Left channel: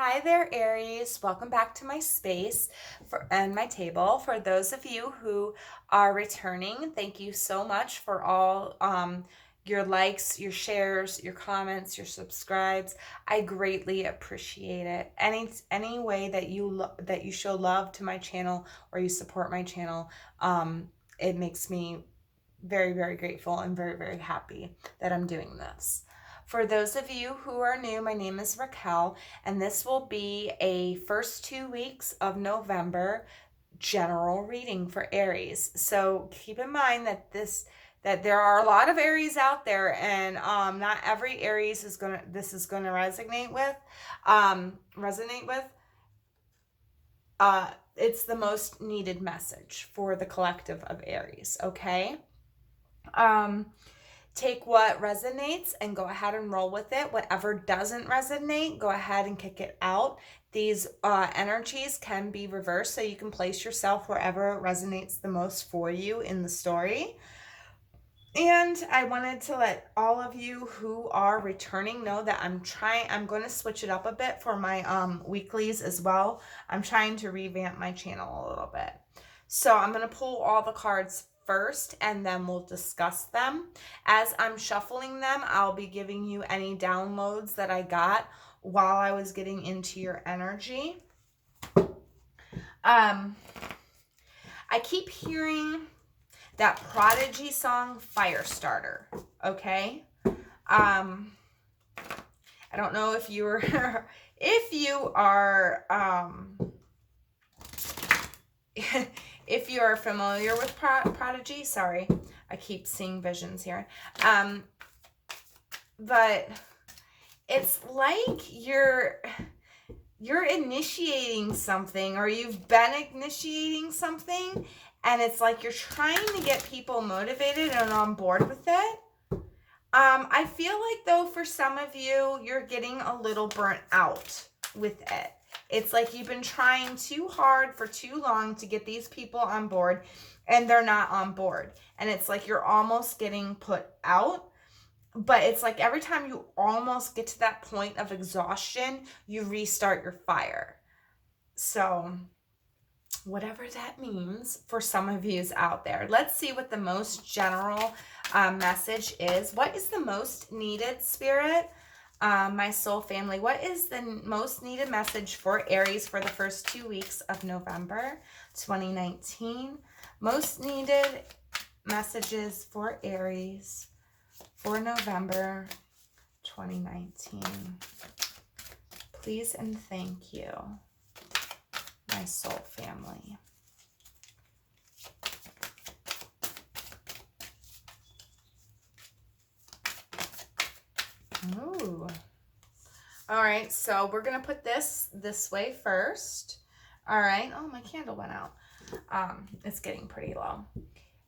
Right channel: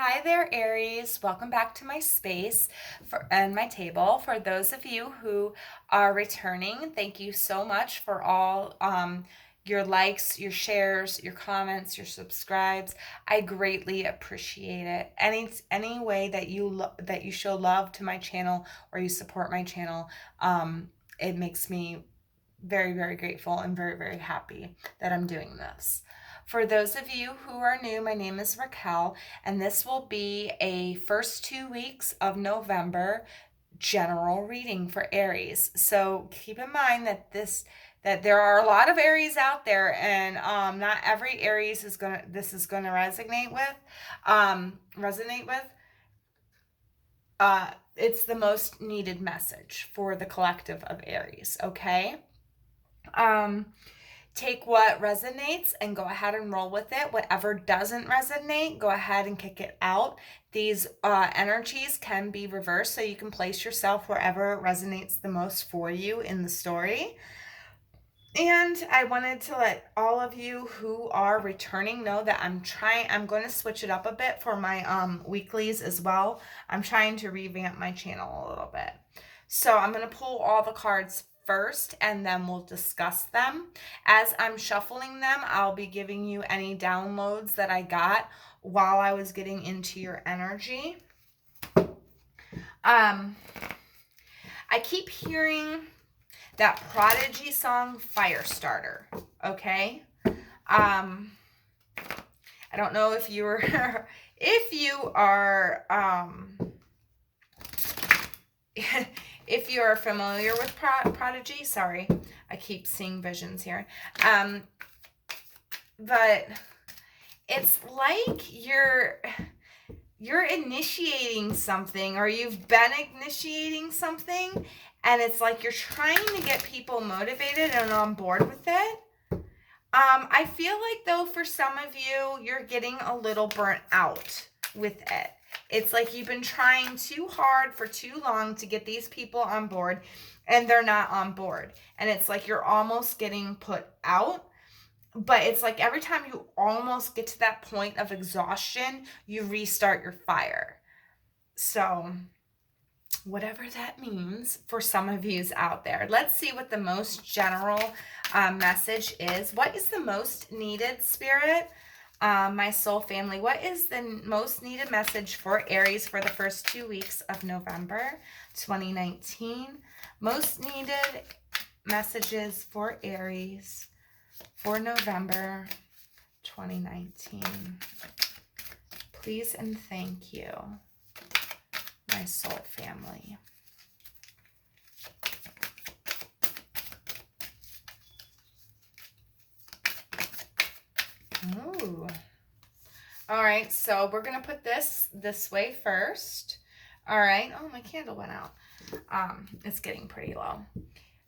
Hi there, Aries. Welcome back to my space and my table. For those of you who are returning, thank you so much for all your likes, your shares, your comments, your subscribes. I greatly appreciate it. Any way that you show love to my channel or you support my channel, it makes me very, very grateful and very, very happy that I'm doing this. For those of you who are new, my name is Racquel, and this will be a first 2 weeks of November general reading for Aries. So keep in mind that there are a lot of Aries out there, and not every Aries is gonna resonate with. It's the most needed message for the collective of Aries. Okay. Take what resonates and go ahead and roll with it. Whatever doesn't resonate, go ahead and kick it out. These energies can be reversed, so you can place yourself wherever resonates the most for you in the story. And I wanted to let all of you who are returning know that I'm going to switch it up a bit for my weeklies as well. I'm trying to revamp my channel a little bit. So I'm going to pull all the cards first, and then we'll discuss them. As I'm shuffling them, I'll be giving you any downloads that I got while I was getting into your energy. I keep hearing that Prodigy song, Firestarter, okay? I don't know if you are, if you are familiar with Prodigy. Sorry, I keep seeing visions here. But it's like you're initiating something, or you've been initiating something, and it's like you're trying to get people motivated and on board with it. I feel like, though, for some of you, you're getting a little burnt out with it. It's like you've been trying too hard for too long to get these people on board, and they're not on board. And it's like you're almost getting put out. But it's like every time you almost get to that point of exhaustion, you restart your fire. So whatever that means for some of yous out there, let's see what the most general message is. What is the most needed, Spirit? My soul family, what is the most needed message for Aries for the first 2 weeks of November 2019? Most needed messages for Aries for November 2019. Please and thank you, my soul family. Ooh. All right, so we're going to put this way first. All right. Oh, my candle went out. It's getting pretty low.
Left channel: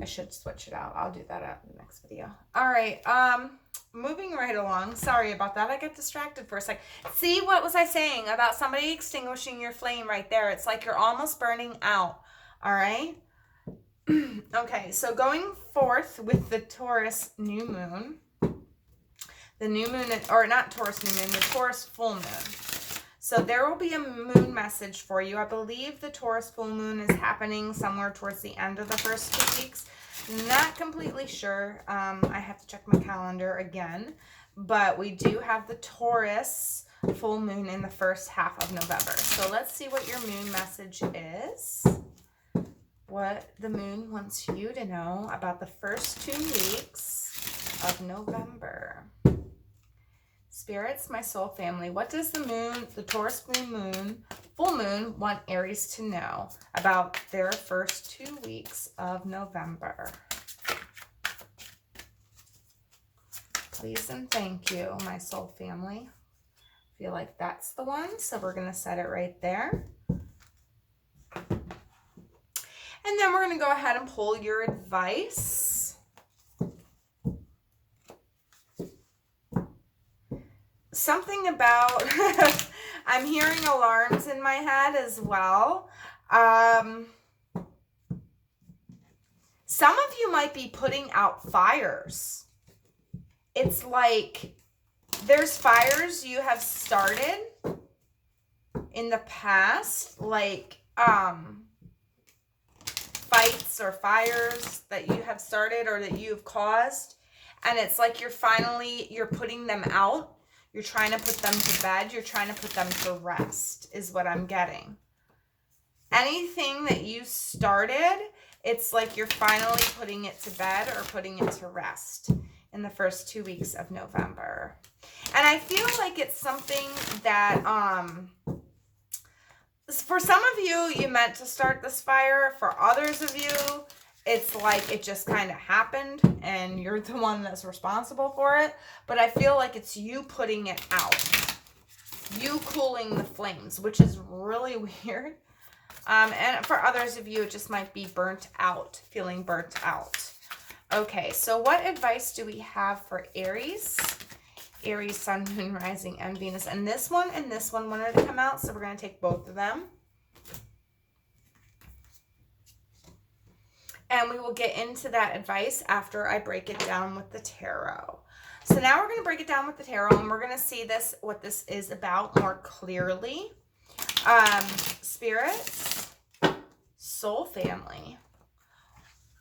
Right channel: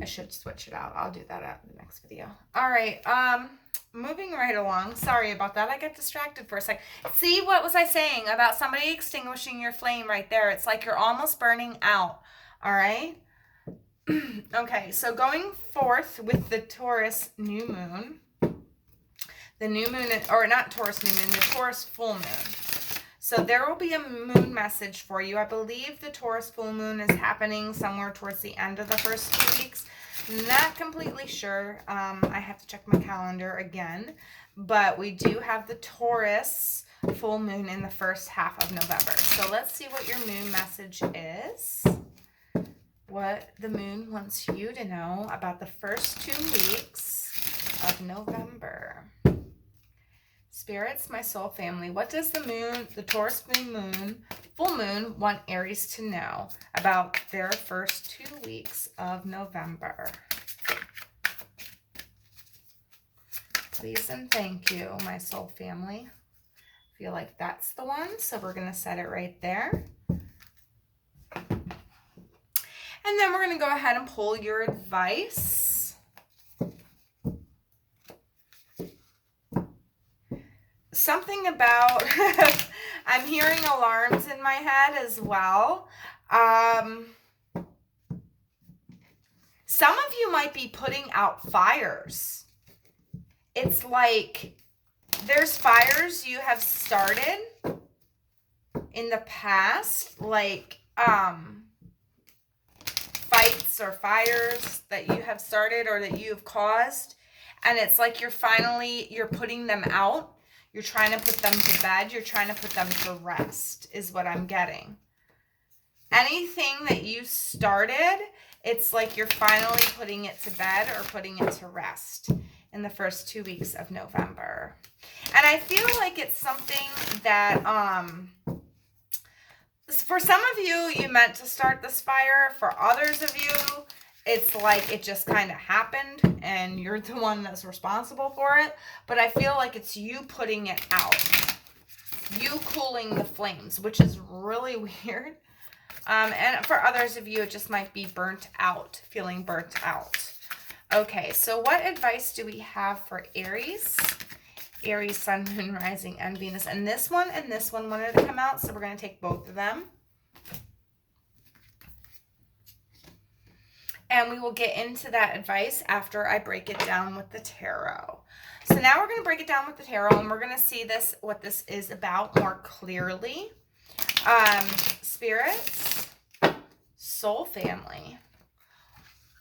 I should switch it out. I'll do that at the next video. All right. Moving right along. Sorry about that. I got distracted for a sec. See, what was I saying about somebody extinguishing your flame right there? It's like you're almost burning out. All right. Okay, so going forth with the Taurus new moon. The new moon, or not Taurus new moon, the Taurus full moon. So there will be a moon message for you. I believe the Taurus full moon is happening somewhere towards the end of the first 2 weeks. Not completely sure. I have to check my calendar again. But we do have the Taurus full moon in the first half of November. So let's see what your moon message is. What the moon wants you to know about the first 2 weeks of November. Spirits, my soul family, what does the Taurus full moon, want Aries to know about their first 2 weeks of November? Please and thank you, my soul family. I feel like that's the one, so we're going to set it right there. And then we're going to go ahead and pull your advice. Something about, I'm hearing alarms in my head as well. Some of you might be putting out fires. It's like there's fires you have started, in the past, like fights or fires that you have started or that you've caused, and it's like you're putting them out. You're trying to put them to bed. You're trying to put them to rest is what I'm getting. Anything that you started, it's like you're finally putting it to bed or putting it to rest in the first 2 weeks of November. And I feel like it's something that, for some of you, you meant to start this fire. For others of you, it's like it just kind of happened and you're the one that's responsible for it. But I feel like it's you putting it out. You cooling the flames, which is really weird. And for others of you, it just might be burnt out, feeling burnt out. Okay, so what advice do we have for Aries? Aries, Sun, Moon, Rising, and Venus. And this one wanted to come out, so we're going to take both of them. And we will get into that advice after I break it down with the tarot. So now we're going to break it down with the tarot, and we're going to see what this is about more clearly. Spirits, soul family.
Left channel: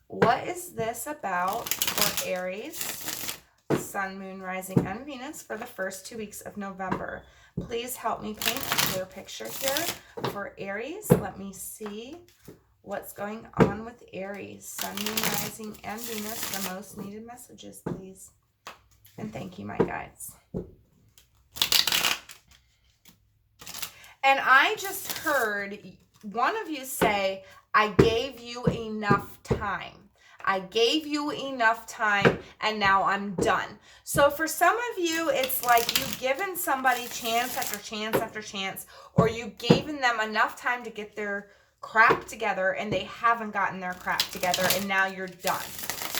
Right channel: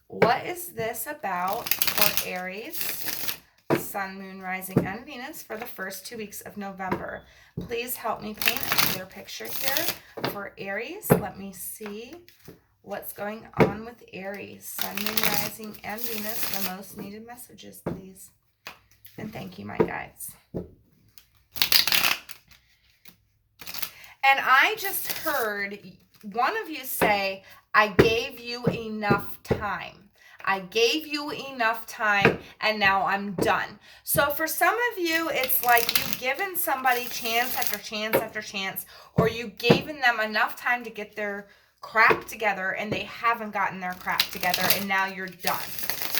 What is this about for Aries, Sun, Moon, Rising, and Venus for the first 2 weeks of November? Please help me paint a clear picture here for Aries. Let me see what's going on with Aries, Sun, Moon, Rising, and Venus. The most needed messages, please. And thank you, my guides. And I just heard one of you say, I gave you enough time. I gave you enough time and now I'm done. So for some of you, it's like you've given somebody chance after chance after chance, or you've given them enough time to get their crap together and they haven't gotten their crap together and now you're done.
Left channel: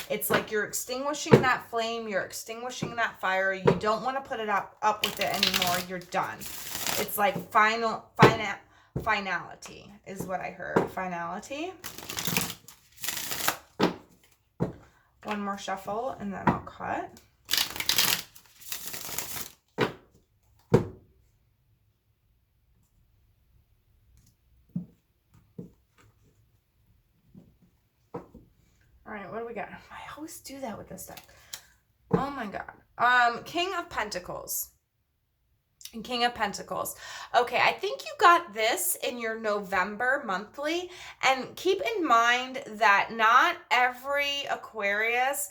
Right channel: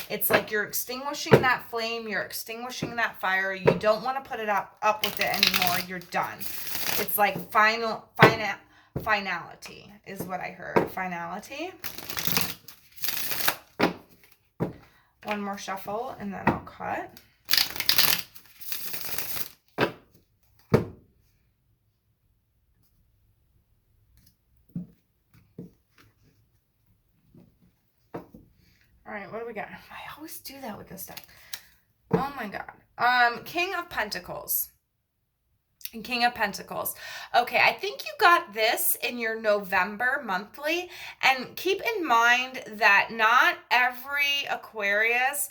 It's like you're extinguishing that flame, you're extinguishing that fire, you don't want to put it up with it anymore, you're done. It's like finality is what I heard. Finality. One more shuffle and then I'll cut. All right, what do we got? I always do that with this deck. Oh my God. King of Pentacles. And King of Pentacles. Okay, I think you got this in your November monthly. And keep in mind that not every Aquarius,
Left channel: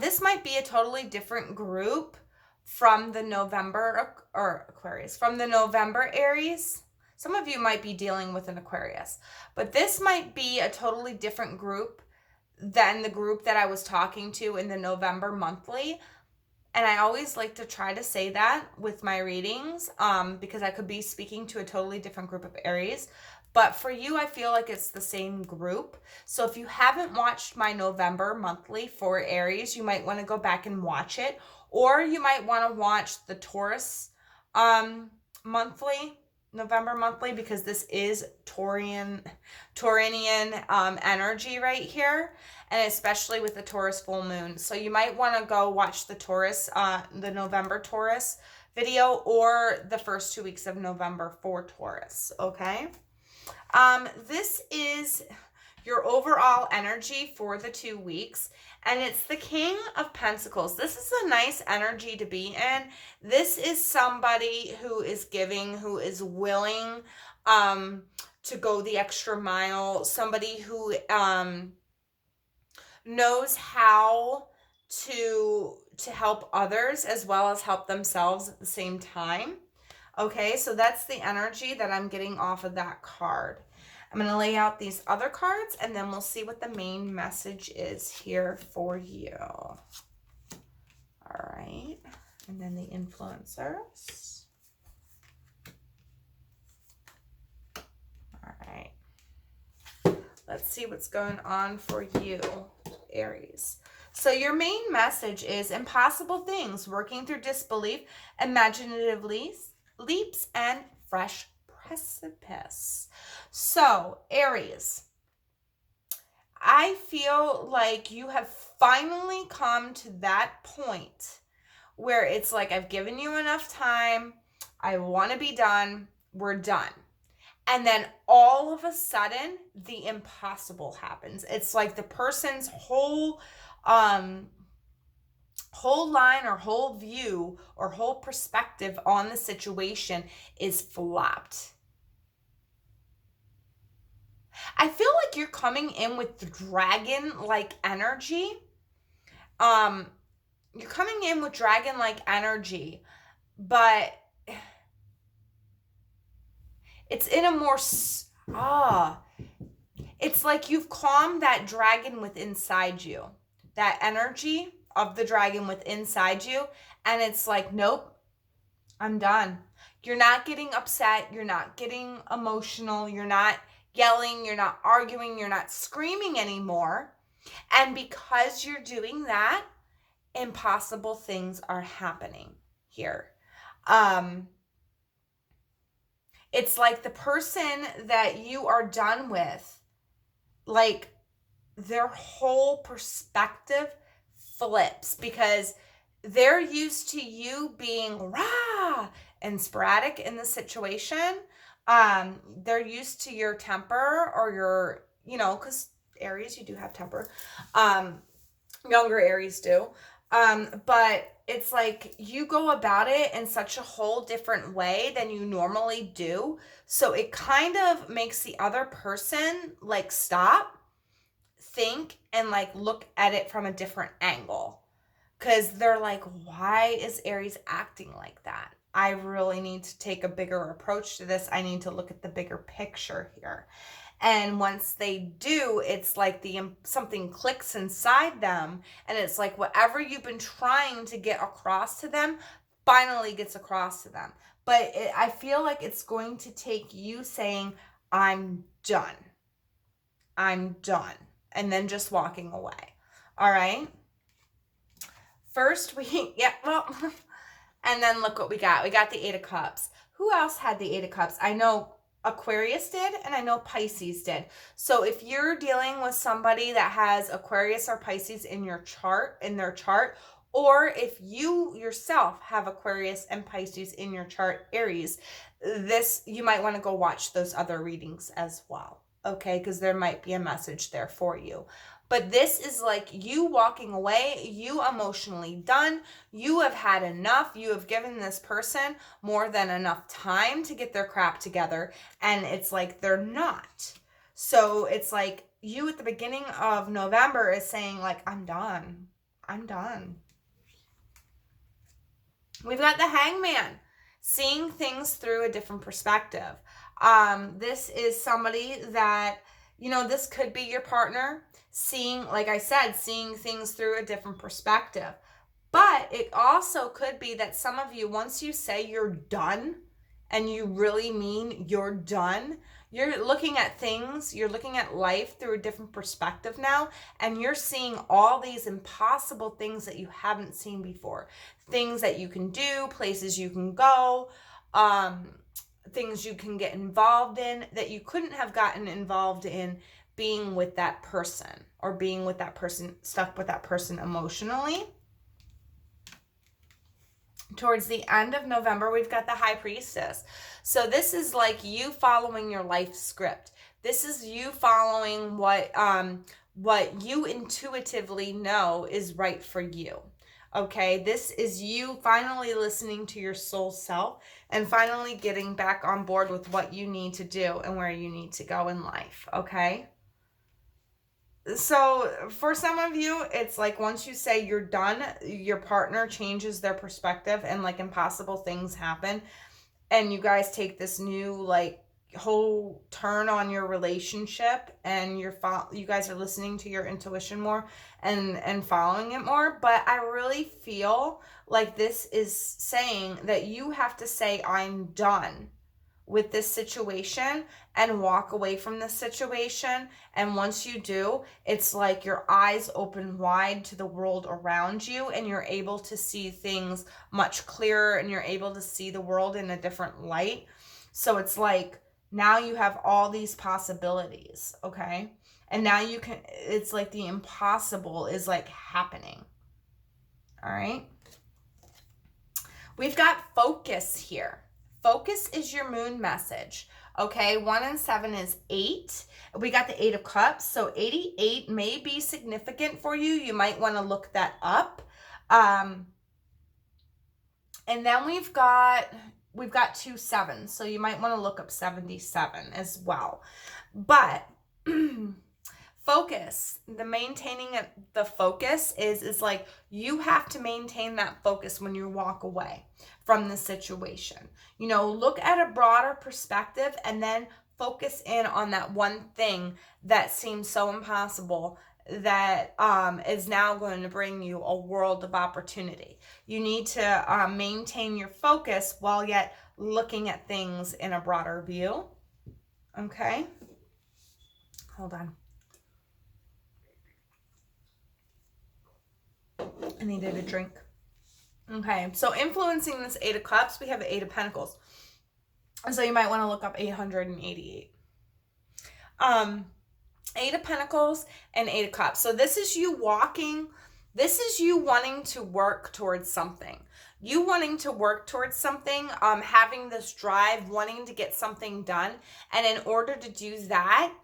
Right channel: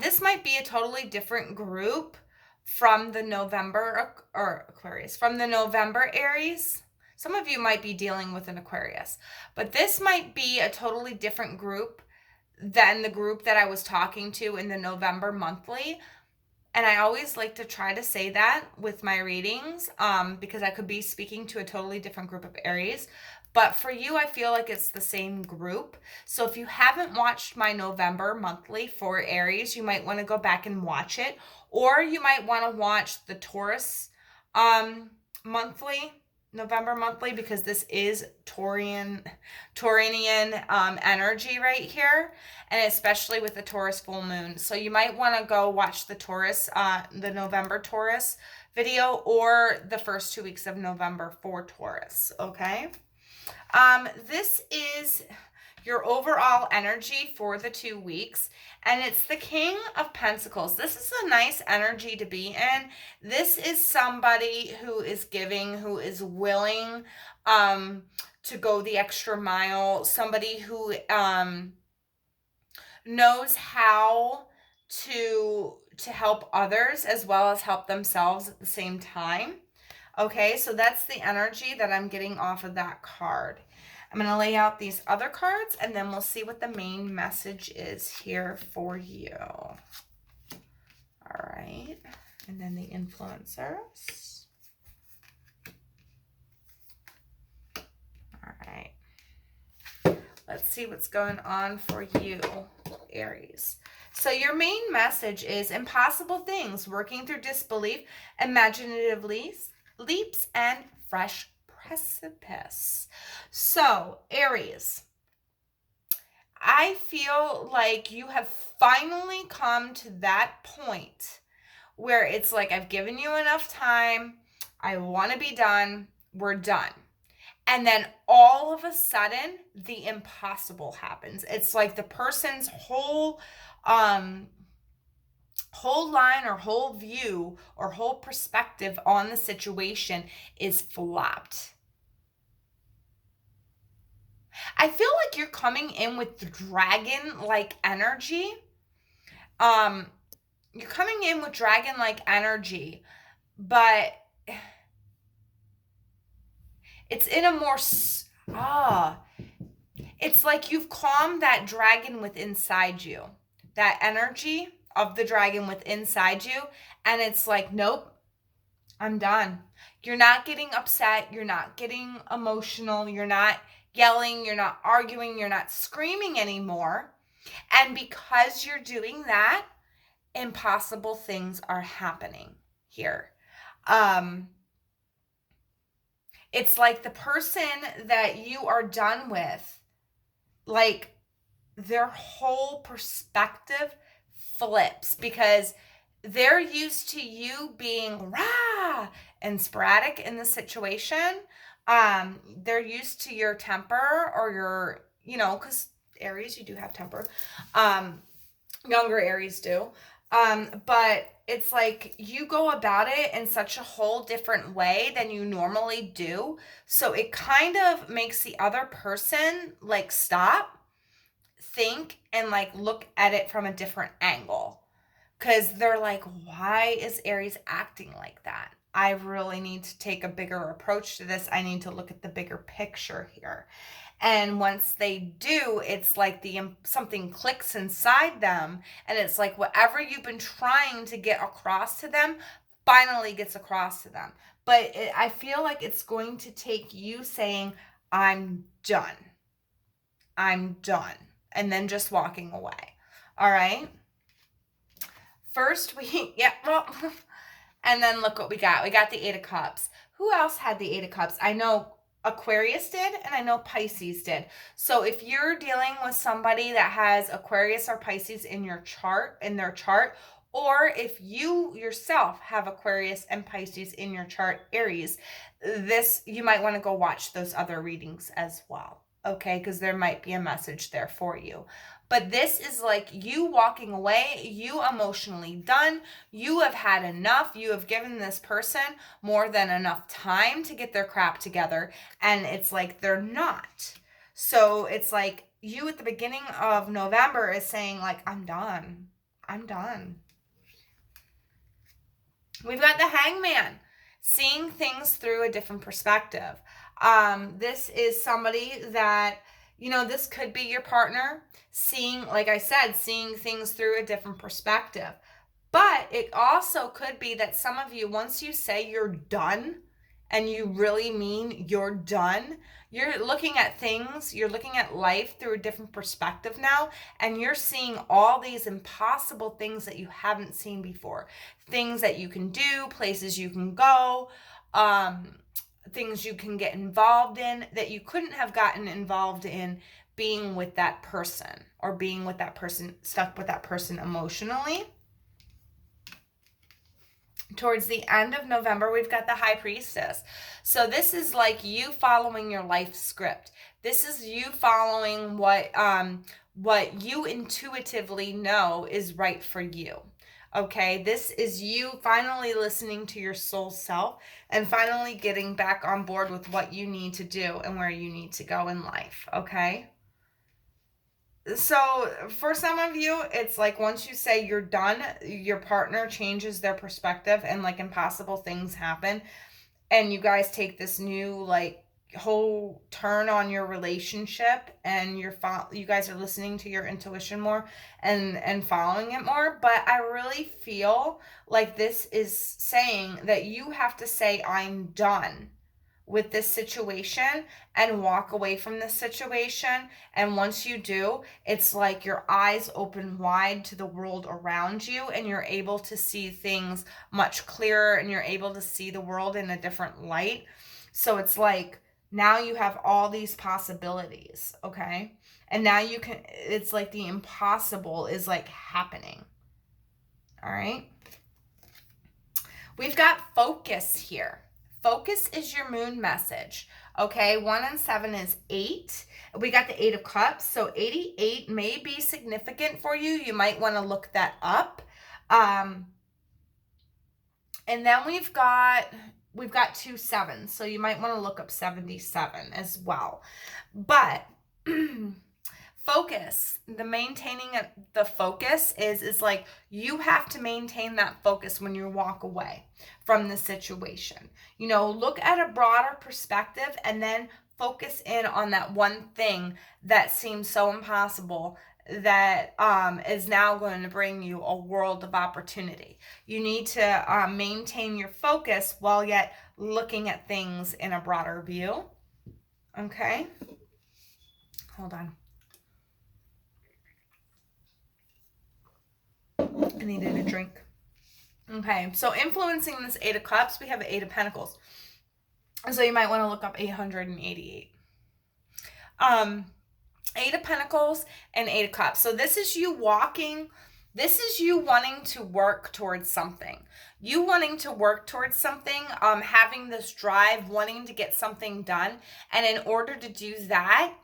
this might be a totally different group from the November, or Aquarius, from the November Aries. Some of you might be dealing with an Aquarius. But this might be a totally different group than the group that I was talking to in the November monthly. And I always like to try to say that with my readings, because I could be speaking to a totally different group of Aries. But for you, I feel like it's the same group. So if you haven't watched my November monthly for Aries, you might want to go back and watch it. Or you might want to watch the Taurus monthly, November monthly, because this is Taurian energy right here. And especially with the Taurus full moon. So you might want to go watch the Taurus, the November Taurus video, or the first 2 weeks of November for Taurus, okay? This is your overall energy for the 2 weeks, and it's the King of Pentacles. This is a nice energy to be in. This is somebody who is giving, who is willing to go the extra mile, somebody who knows how to help others as well as help themselves at the same time. Okay, so that's the energy that I'm getting off of that card. I'm going to lay out these other cards and then we'll see what the main message is here for you. All right, and then the influencers. All right. Let's see what's going on for you, Aries. So your main message is impossible things, working through disbelief, imaginative leaps, and fresh precipice. So, Aries, I feel like you have finally come to that point where it's like, I've given you enough time. I want to be done. We're done. And then all of a sudden, the impossible happens. It's like the person's whole line or whole view or whole perspective on the situation is flopped. I feel like you're coming in with the dragon-like energy. You're coming in with dragon-like energy, but it's in a more, it's like you've calmed that dragon within inside you, that energy of the dragon within inside you. And it's like, nope, I'm done. You're not getting upset. You're not getting emotional. You're not yelling. You're not arguing. You're not screaming anymore. And because you're doing that, impossible things are happening here. It's like the person that you are done with, like their whole perspective flips because they're used to you being rah and sporadic in the situation. They're used to your temper or your, because Aries, you do have temper. Younger Aries do. But it's like you go about it in such a whole different way than you normally do. So it kind of makes the other person like stop, think, and like look at it from a different angle. Because they're like, why is Aries acting like that? I really need to take a bigger approach to this. I need to look at the bigger picture here. And once they do, it's like something clicks inside them. And it's like whatever you've been trying to get across to them finally gets across to them. But I feel like it's going to take you saying, I'm done. I'm done. And then just walking away. All right. First and then look what we got. We got the 8 of Cups. Who else had the 8 of Cups? I know Aquarius did, and I know Pisces did. So if you're dealing with somebody that has Aquarius or Pisces in their chart, or if you yourself have Aquarius and Pisces in your chart, Aries, you might want to go watch those other readings as well, okay? Because there might be a message there for you. But this is like you walking away, you emotionally done, you have had enough, you have given this person more than enough time to get their crap together, and it's like they're not. So it's like you at the beginning of November is saying like, I'm done. I'm done. We've got the Hangman, seeing things through a different perspective. This is somebody that, this could be your partner, seeing, like I said, seeing things through a different perspective. But it also could be that some of you, once you say you're done, and you really mean you're done, you're looking at things, you're looking at life through a different perspective now, and you're seeing all these impossible things that you haven't seen before. Things that you can do, places you can go, things you can get involved in that you couldn't have gotten involved in being with that person, or being with that person, stuck with that person emotionally. Towards the end of November, we've got the High Priestess. So this is like you following your life script. This is you following what you intuitively know is right for you. Okay, this is you finally listening to your soul self and finally getting back on board with what you need to do and where you need to go in life, okay? So for some of you, it's like once you say you're done, your partner changes their perspective and like impossible things happen. And you guys take this new like whole turn on your relationship, and you guys are listening to your intuition more and following it more. But I really feel like this is saying that you have to say, I'm done with this situation, and walk away from this situation. And once you do, it's like your eyes open wide to the world around you, and you're able to see things much clearer, and you're able to see the world in a different light. So it's like now you have all these possibilities, okay? And now it's like the impossible is like happening. All right? We've got focus here. Focus is your moon message. Okay, 1 and 7 is 8. We got the 8 of Cups, so 88 may be significant for you. You might want to look that up. And then we've got 2 7s, so you might want to look up 77 as well. But focus, the maintaining of the focus is like you have to maintain that focus when you walk away from the situation. You know, look at a broader perspective and then focus in on that one thing that seems so impossible that is now going to bring you a world of opportunity. You need to maintain your focus while yet looking at things in a broader view. Okay? Hold on. I needed a drink. Okay, so influencing this 8 of Cups, we have the 8 of Pentacles. So you might want to look up 888. 8 of Pentacles and 8 of Cups. So this is you wanting to work towards something. You wanting to work towards something, having this drive, wanting to get something done. And in order to do that,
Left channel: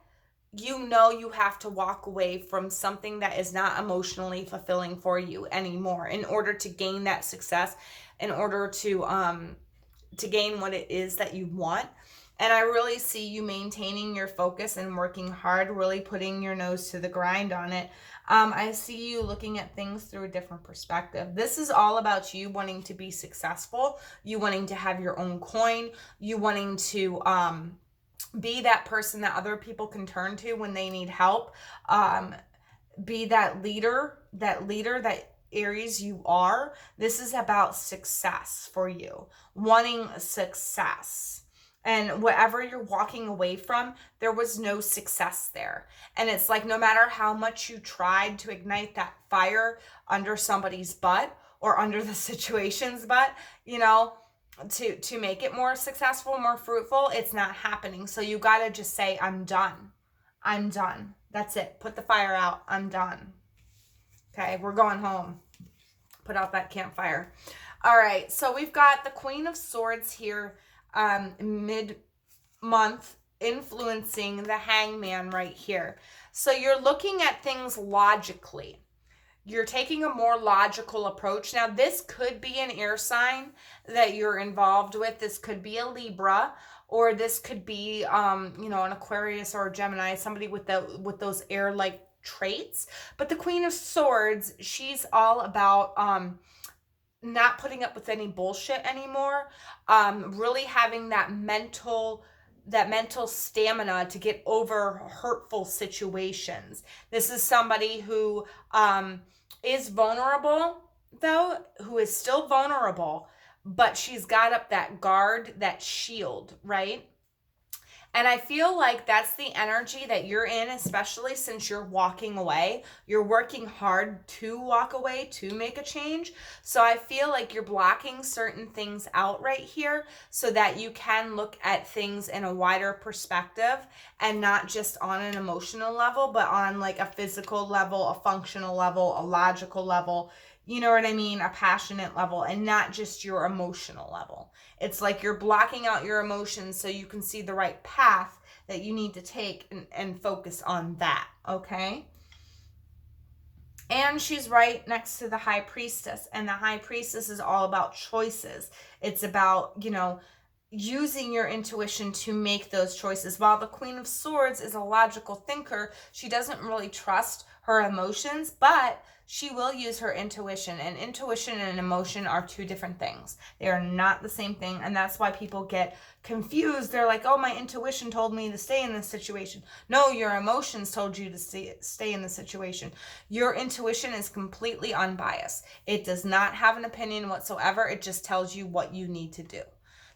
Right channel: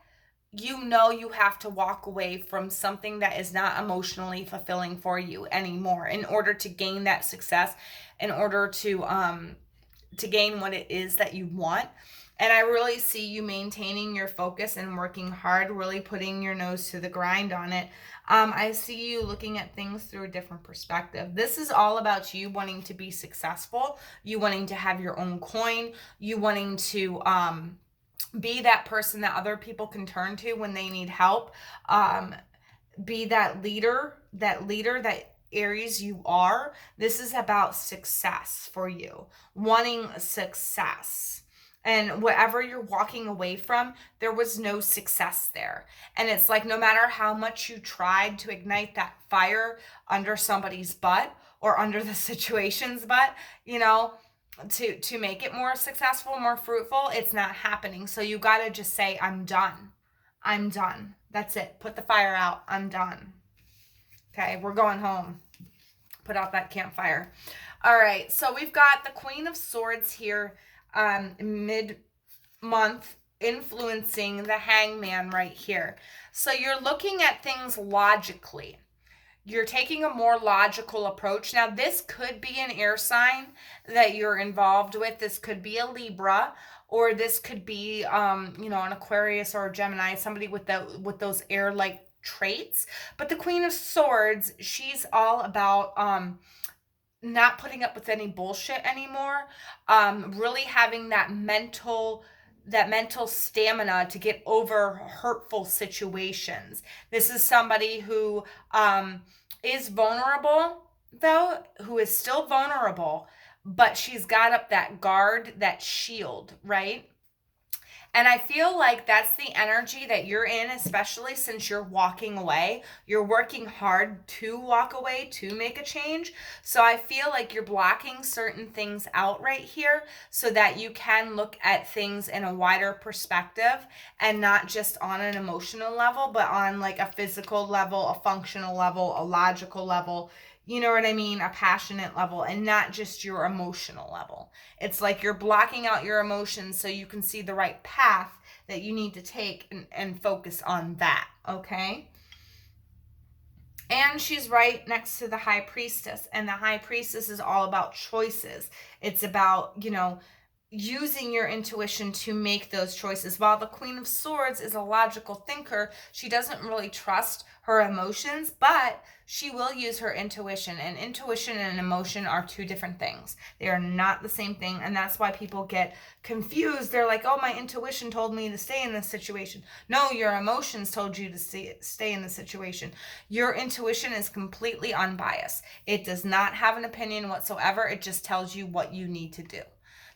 you know you have to walk away from something that is not emotionally fulfilling for you anymore in order to gain that success, in order to gain what it is that you want. And I really see you maintaining your focus and working hard, really putting your nose to the grind on it. I see you looking at things through a different perspective. This is all about you wanting to be successful, you wanting to have your own coin, you wanting to be that person that other people can turn to when they need help. Be that leader that Aries you are. This is about success for you, wanting success. And whatever you're walking away from, there was no success there. And it's like no matter how much you tried to ignite that fire under somebody's butt or under the situation's butt, you know, to make it more successful, more fruitful, it's not happening. So you got to just say, I'm done. I'm done. That's it. Put the fire out. I'm done. Okay, we're going home. Put out that campfire. All right, so we've got the Queen of Swords here mid-month influencing the Hangman right here. So you're looking at things logically. You're taking a more logical approach. Now, this could be an air sign that you're involved with. This could be a Libra, or this could be, you know, an Aquarius or a Gemini, somebody with those air-like traits. But the Queen of Swords, she's all about not putting up with any bullshit anymore. Really having that mental stamina to get over hurtful situations. This is somebody who is vulnerable, though, who is still vulnerable, but she's got up that guard, that shield, right? And I feel like that's the energy that you're in, especially since you're walking away. You're working hard to walk away, to make a change. So I feel like you're blocking certain things out right here so that you can look at things in a wider perspective and not just on an emotional level, but on like a physical level, a functional level, a logical level. You know what I mean? A passionate level, and not just your emotional level. It's like you're blocking out your emotions so you can see the right path that you need to take and focus on that, okay? And she's right next to the High Priestess, and the High Priestess is all about choices. It's about, you know, using your intuition to make those choices. While the Queen of Swords is a logical thinker, she doesn't really trust her emotions, but she will use her intuition. And intuition and emotion are two different things. They are not the same thing, and that's why people get confused. They're like, oh, my intuition told me to stay in this situation. No, your emotions told you to stay in the situation. Your intuition is completely unbiased. It does not have an opinion whatsoever. It just tells you what you need to do.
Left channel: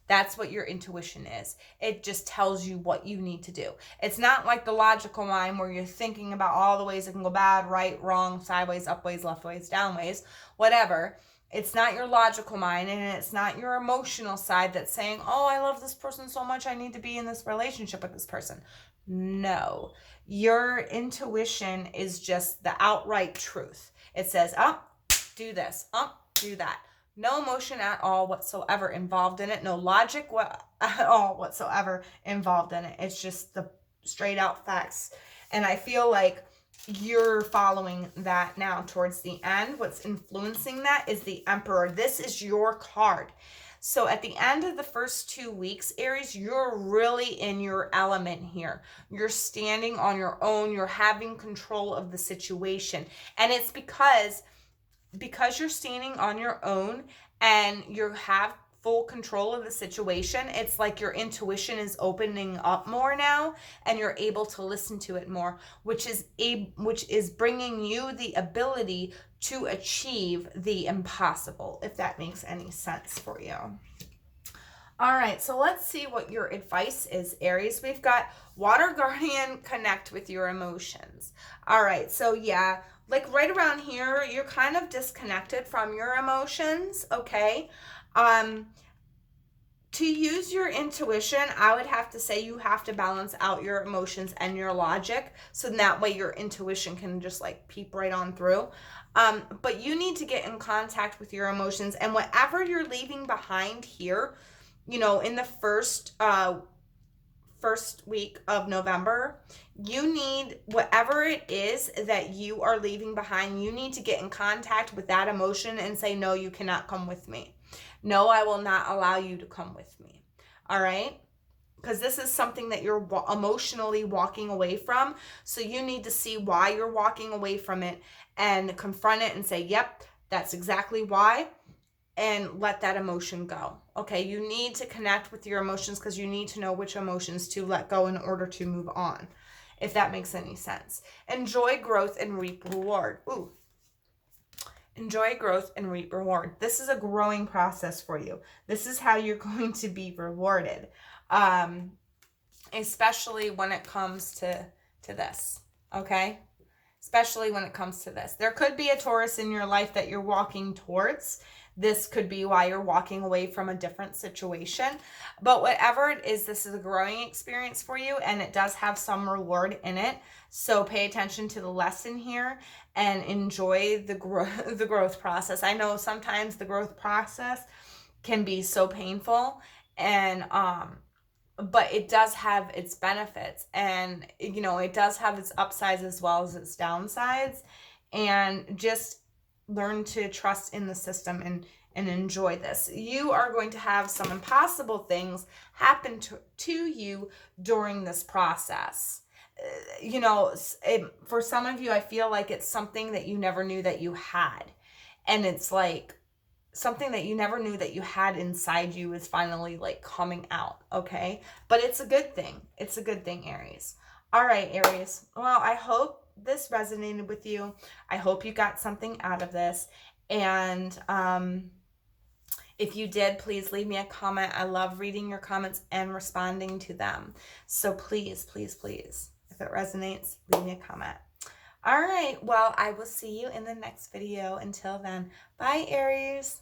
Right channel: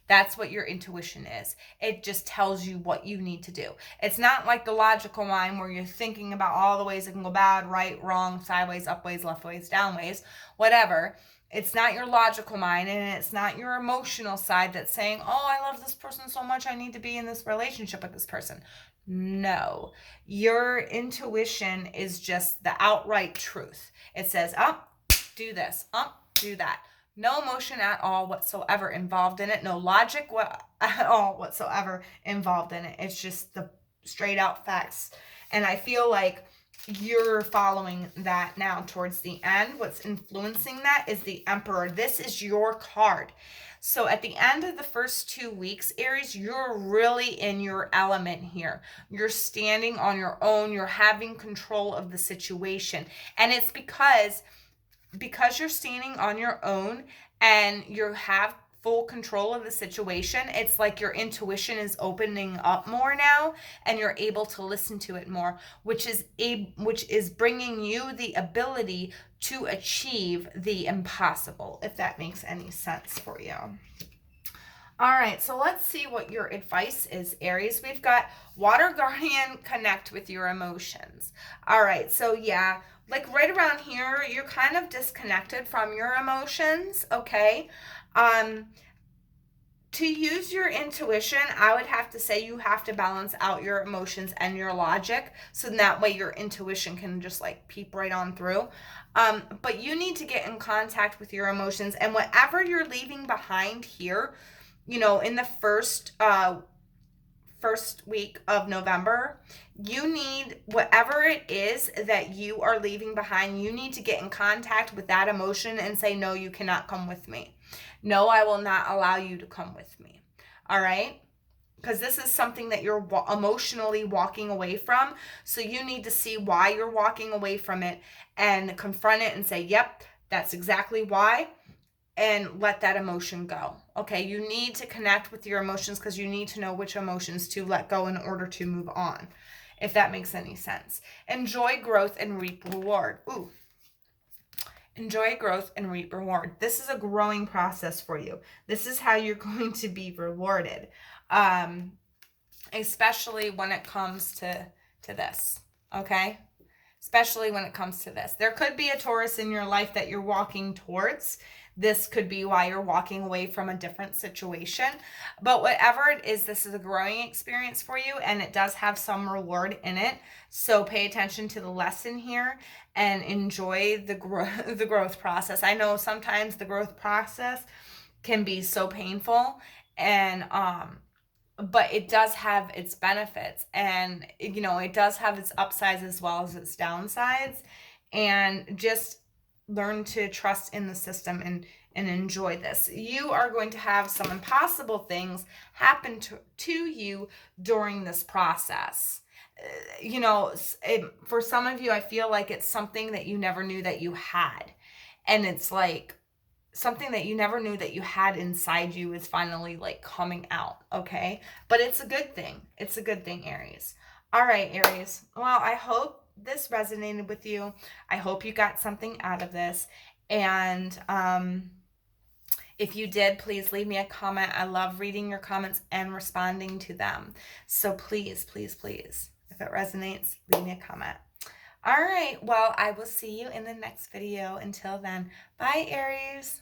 That's what your intuition is. It just tells you what you need to do. It's not like the logical mind where you're thinking about all the ways it can go bad, right, wrong, sideways, upways, leftways, downways, whatever. It's not your logical mind, and it's not your emotional side that's saying, oh, I love this person so much, I need to be in this relationship with this person. No. Your intuition is just the outright truth. It says, oh, do this, oh, do that. No emotion at all whatsoever involved in it. No logic at all whatsoever involved in it. It's just the straight out facts. And I feel like you're following that now towards the end. What's influencing that is the Emperor. This is your card. So at the end of the first 2 weeks, Aries, you're really in your element here. You're standing on your own. You're having control of the situation. And it's because you're standing on your own and you have full control of the situation. It's like your intuition is opening up more now and you're able to listen to it more, which is bringing you the ability to achieve the impossible, if that makes any sense for you. All right, so let's see what your advice is, Aries. We've got Water Guardian, connect with your emotions. All right, so yeah, like right around here, you're kind of disconnected from your emotions, okay? To use your intuition, I would have to say you have to balance out your emotions and your logic, so that way your intuition can just like peep right on through. But you need to get in contact with your emotions, and whatever you're leaving behind here, you know, in the first week of November, you need, whatever it is that you are leaving behind, you need to get in contact with that emotion and say, no, you cannot come with me. No, I will not allow you to come with me. All right? Because this is something that you're emotionally walking away from. So you need to see why you're walking away from it and confront it and say, yep, that's exactly why. And let that emotion go. Okay, you need to connect with your emotions because you need to know which emotions to let go in order to move on, if that makes any sense. Enjoy growth and reap reward. Ooh. Enjoy growth and reap reward. This is a growing process for you. This is how you're going to be rewarded, especially when it comes to this, okay? Especially when it comes to this. There could be a Taurus in your life that you're walking towards. This could be why you're walking away from a different situation. But whatever it is, this is a growing experience for you, and it does have some reward in it. So pay attention to the lesson here and enjoy the growth process. I know sometimes the growth process can be so painful, and but it does have its benefits, and you know, it does have its upsides as well as its downsides. And just learn to trust in the system and enjoy this. You are going to have some impossible things happen to you during this process. You know, for some of you, I feel like it's something that you never knew that you had. And it's like something that you never knew that you had inside you is finally like coming out, okay? But it's a good thing. It's a good thing, Aries. All right, Aries. Well, I hope this resonated with you. I hope you got something out of this. And if you did, please leave me a comment. I love reading your comments and responding to them. So please, please, please, if it resonates, leave me a comment. All right. Well, I will see you in the next video. Until then, bye, Aries.